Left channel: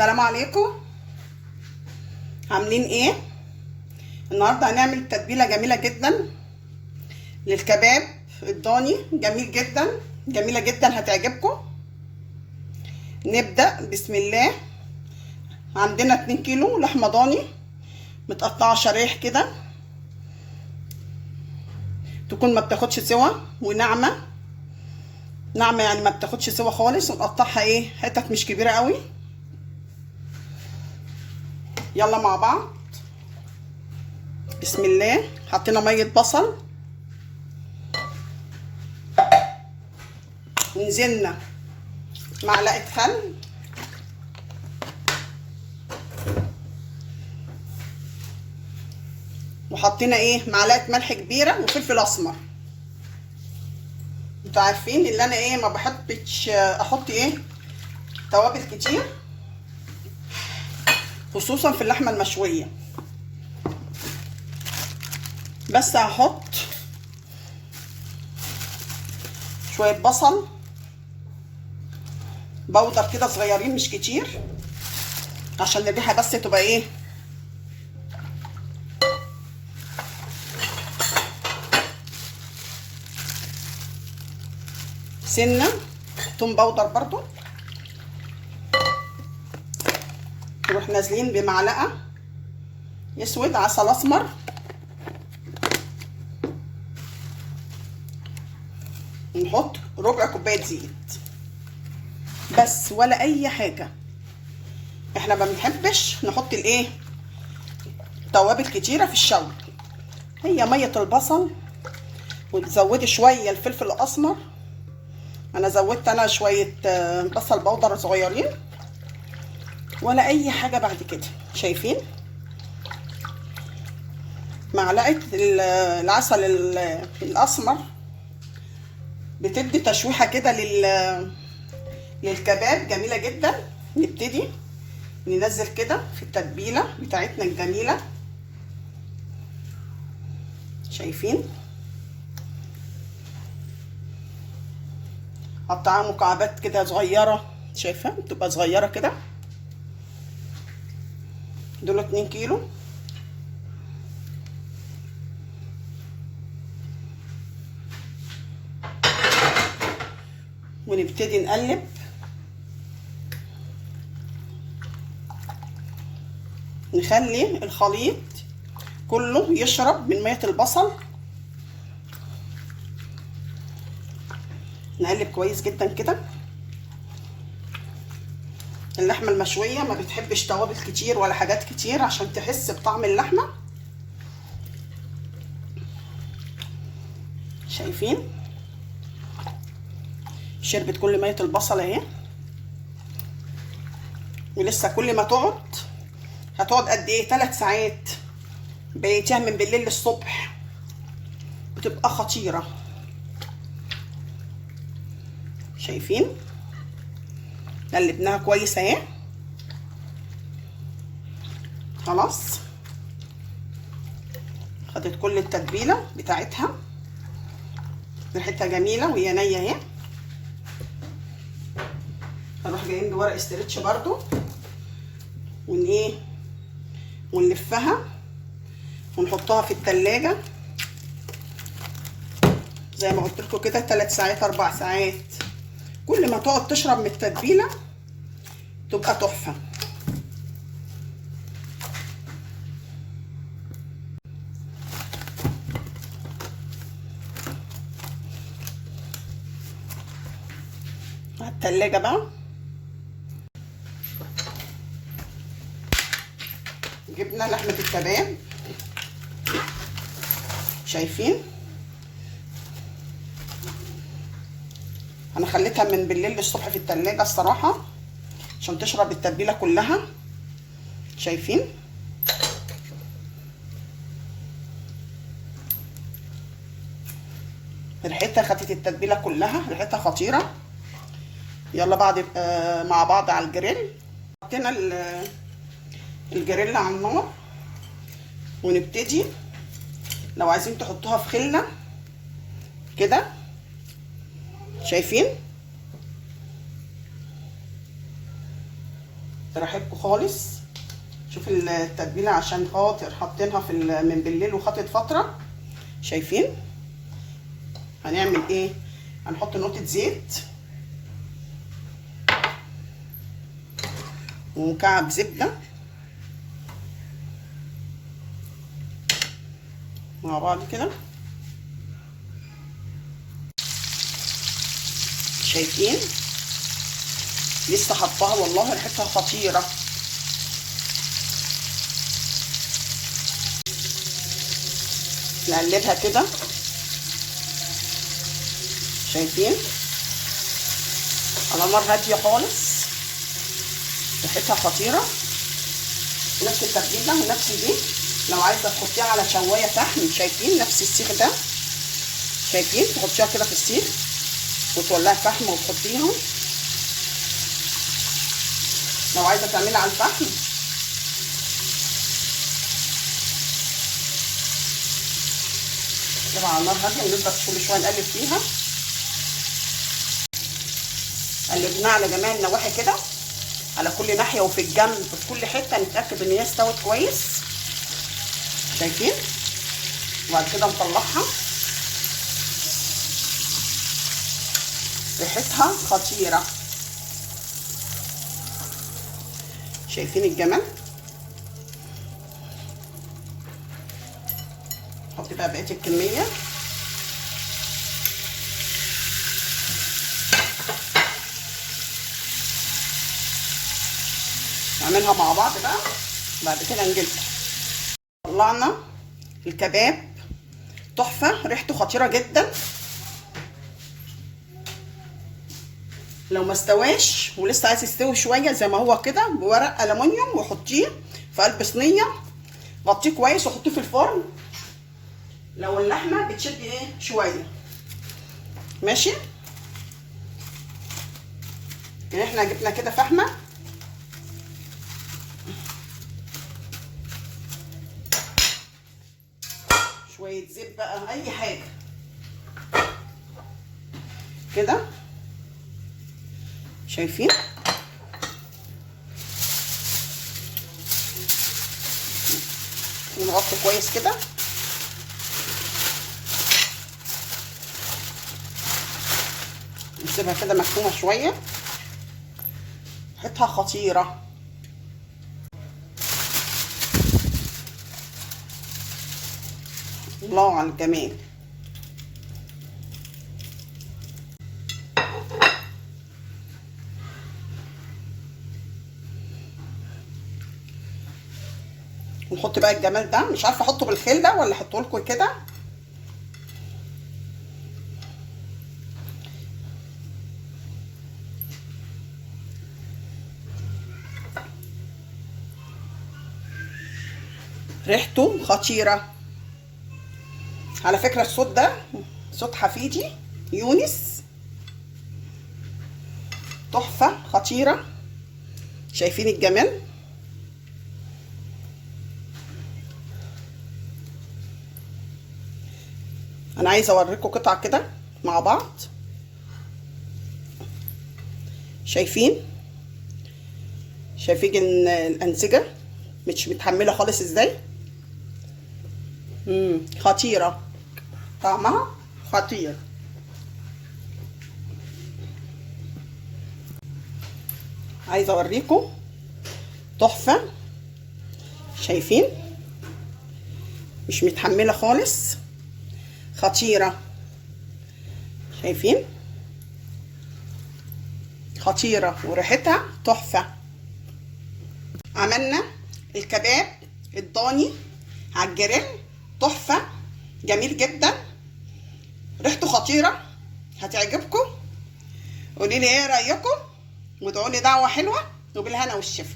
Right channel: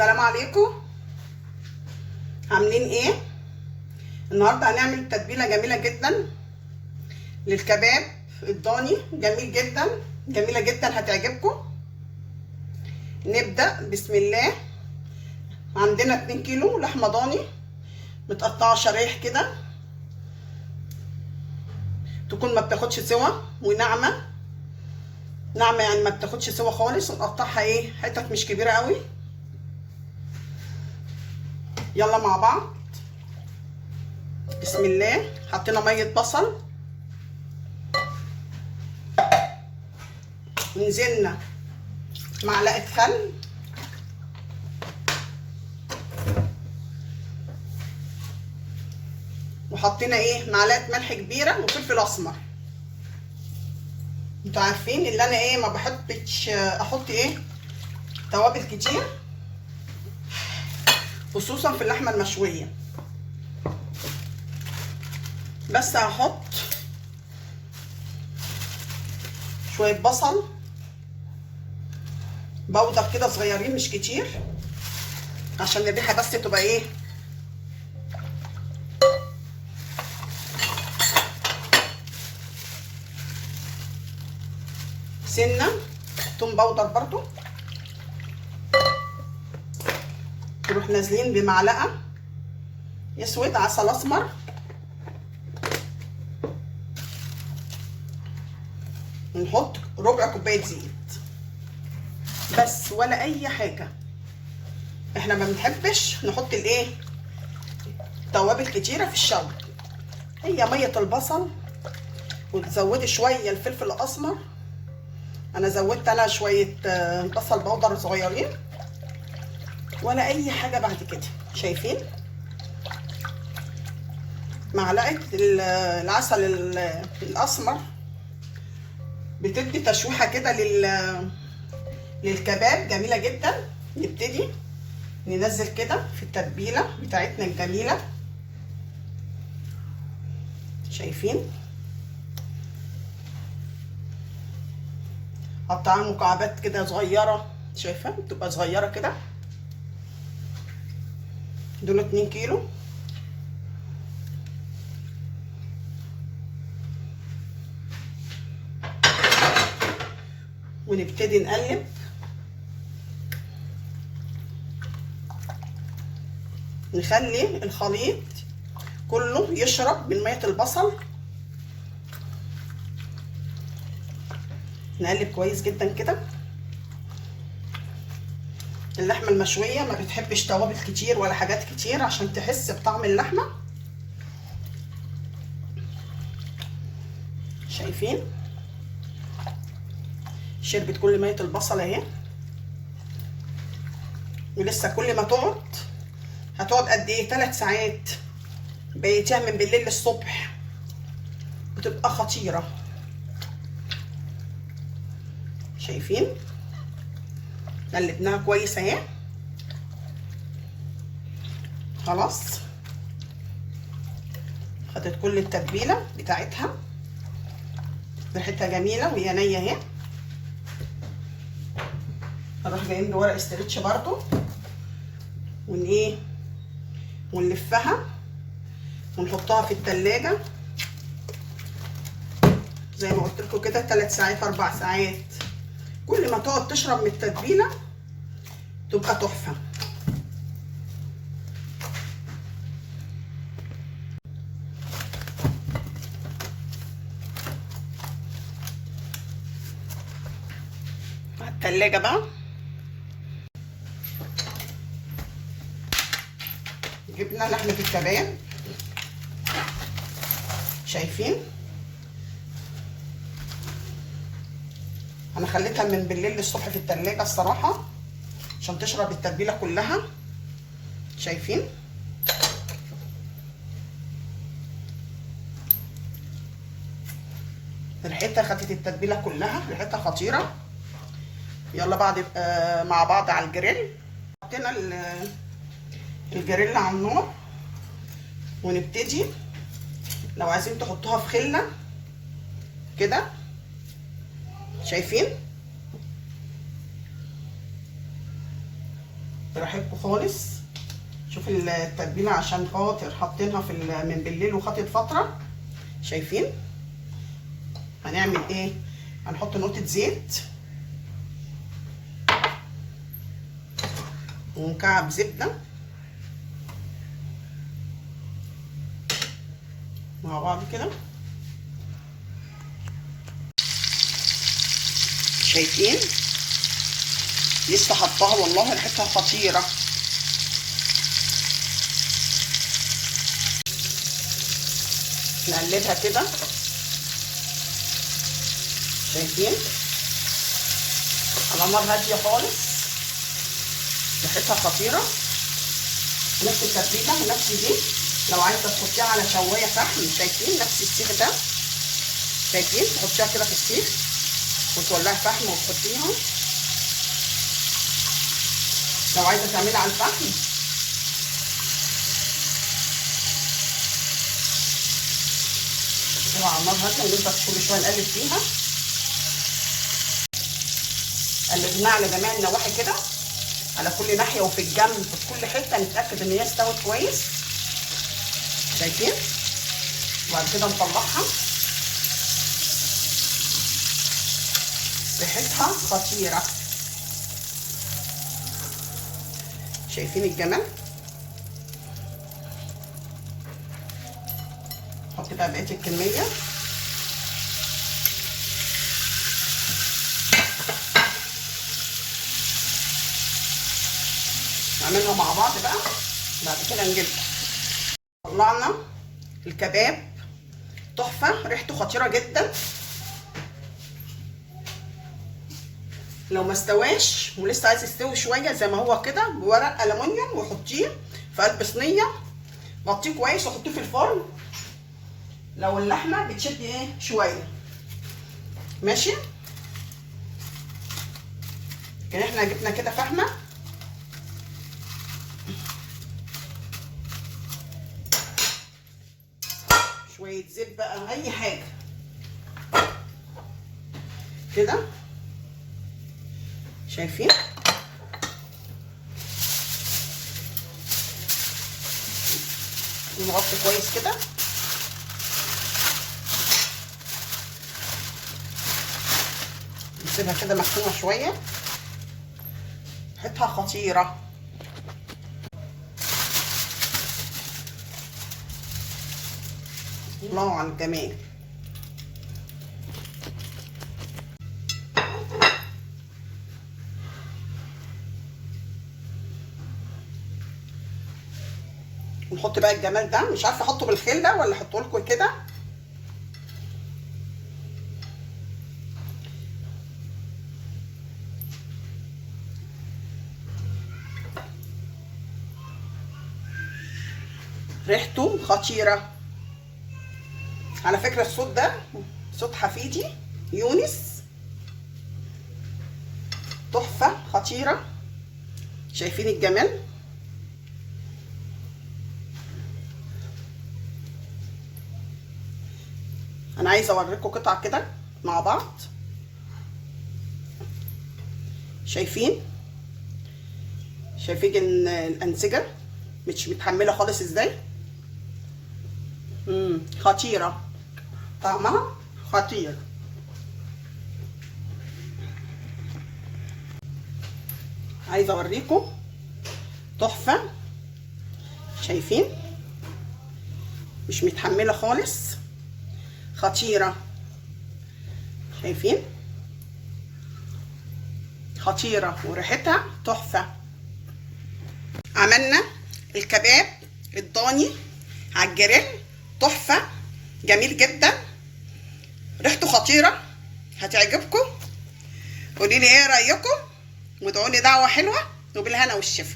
السلام عليكم. عاملين ايه؟ النهارده هنعمل تتبيله جميله جدا للكباب الضاني. جميل جدا، جميله جدا، هتعجبكم. نبدا بسم الله. عندنا 2 كيلو لحمه ضاني متقطعه شرايح كده، تكون ما بتاخدش سوا وناعمه ناعمه، يعني ما بتاخدش سوا خالص. ونقطعها ايه، حتت مش كبيره قوي. يلا مع بعض بسم الله. حطينا ميه بصل، ونزلنا معلقه خل، وحطينا ايه، معلقه ملح كبيره وفلفل اسمر. انتوا عارفين اللي انا ايه، ما بحطش احط ايه توابل كتير، خصوصا في اللحمه المشويه. بس هحط شويه بصل بودر كده صغيرين، مش كتير، عشان الريحه بس تبقى ايه، سنه توم بودر برضو. نروح نازلين بمعلقه اسود عسل اسمر، ونحط ربع كوبايه زيت بس، ولا اي حاجه. احنا ما بنحبش نحط الايه توابل كتيره في الشوي. هي ميه البصل، وتزودي شويه الفلفل الاسمر. انا زودت شويه بصل بودر صغيرين، ولا اي حاجه بعد كده. شايفين معلقه العسل الاسمر بتدي تشويحه كده للكباب، جميله جدا. نبتدي ننزل كده في التتبيله بتاعتنا الجميله. شايفين قطعها مكعبات كده صغيره، شايفه بتبقى صغيره كده. دول 2 كيلو. ونبتدي نقلب. نخلي الخليط كله يشرب من ميه البصل. نقلب كويس جدا كده. اللحمه المشويه ما بتحبش توابل كتير ولا حاجات كتير، عشان تحس بطعم اللحمه. شايفين شربت كل ميه البصل اهي. ولسه كل ما هتقعد قد ايه، 3 ساعات. بقيتها من بالليل للصبح، بتبقى خطيره. شايفين قلبناها كويس اهي. خلاص خدت كل التتبيله بتاعتها، ريحتها جميله وهي نيه اهي. نروح جايين بورق استرتش برضو، ونلفها ونحطها في التلاجة زي ما قلت لكم كده، 3 ساعات 4 ساعات. كل ما تقعد تشرب من التتبيله تبقى تحفه. على التلاجة بقى جبنا لحمه الكباب. شايفين انا خليتها من بالليل للصبح في التلاجة الصراحه، عشان تشرب التتبيله كلها. شايفين ريحتها خدت التتبيله كلها، ريحتها خطيره. يلا بعد مع بعض على الجريل. حطينا الجريل على النار، ونبتدي لو عايزين تحطوها في خله كده. شايفين براحتكم خالص. شوف التتبيله عشان خاطر حاطينها من بالليل وخدت فتره. شايفين؟ هنعمل ايه؟ هنحط نقطه زيت ومكعب زبده مع بعض كده. شايفين؟ لسه حطاها والله ريحتها خطيره. نقلبها كده. شايفين؟ على نار هاديه خالص، ريحتها خطيره. نفس التتبيله ونفس دي لو عايزه تحطيها على شوايه فحم. شايفين نفس السيخ ده؟ شايفين؟ تحطيها كده في السيخ وتولعي فحم وتحطيها. لو عايزه تعملي على الفحم كده على النار هاديه ونفضل كل شويه نقلب فيها. قلبناها على جميع النواحي كده، على كل ناحيه وفي الجنب في كل حته، نتاكد ان هي استوت كويس. شايفين؟ وبعد كده نطلعها. ريحتها خطيره. شايفين الجمال؟ نحط بقى بقيه الكميه. نعملها مع بعض بقى. بعد كده نجيبها. طلعنا الكباب تحفه، ريحته خطيره جدا. لو ما استواش ولسه عايز يستوي شويه زي ما هو كده، بورق ألمونيوم وحطيه في قلب صينيه، غطيه كويس وحطيه في الفرن. لو اللحمه بتشد ايه شويه ماشي كده. احنا جبنا كده فحمه، شويه زيت بقى اي حاجه كده. شايفين؟ نغطي كويس كده. نسيبها كده مكتومه شويه. ريحتها خطيره. الله على الجمال. ونحط بقى الجمال ده. مش عارفه احطه بالخله ولا احطه لكم كده. ريحته خطيره على فكره. الصوت ده صوت حفيدي يونس، تحفه خطيره. شايفين الجمال؟ انا عايزه اوريكم قطعه كده مع بعض. شايفين؟ شايفين الانسجه مش متحمله خالص ازاي؟ خطيره، طعمها خطير. عايزه اوريكم تحفه. شايفين؟ مش متحمله خالص، خطيره. شايفين؟ خطيره وريحتها تحفه. عملنا الكباب الضاني على الجريل، تحفه جميل جدا، ريحته خطيره، هتعجبكم. قولي لي ايه رايكم، وادعوا لي دعوه حلوه، وبالهنا والشفا.